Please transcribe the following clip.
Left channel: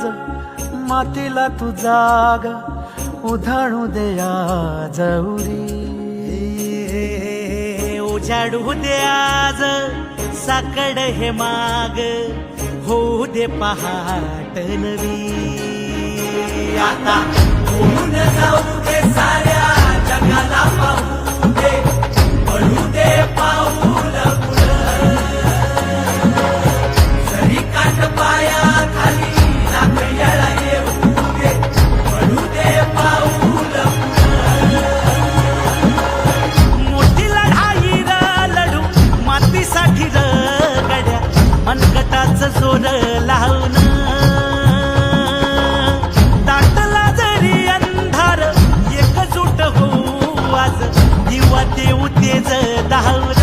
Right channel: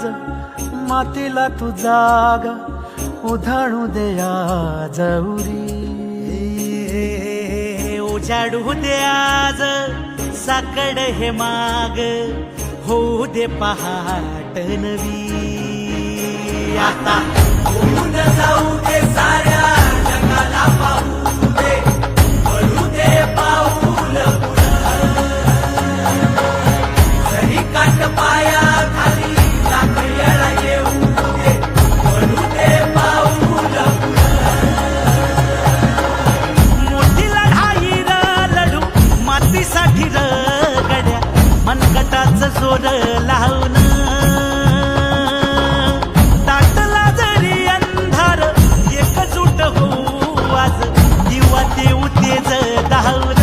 आज मातीला तू जाग उधाणू दे आज उरी. उजाडू दे आज साकड हे माग होऊ दे पहाट नवी. आता होऊन जाऊ दे साऱ्या जगाला पाहू दे पडू दे पाऊल जरी काट पाया खाली लाकड्याला येऊ दे पडू दे पाऊल. मोठी लढाई र लढू मातीसाठी र गड्या मनगटाच जोर लावून. दाटला जरी अंधार एकजूट होऊ आज दिवा देऊ तेज धावर.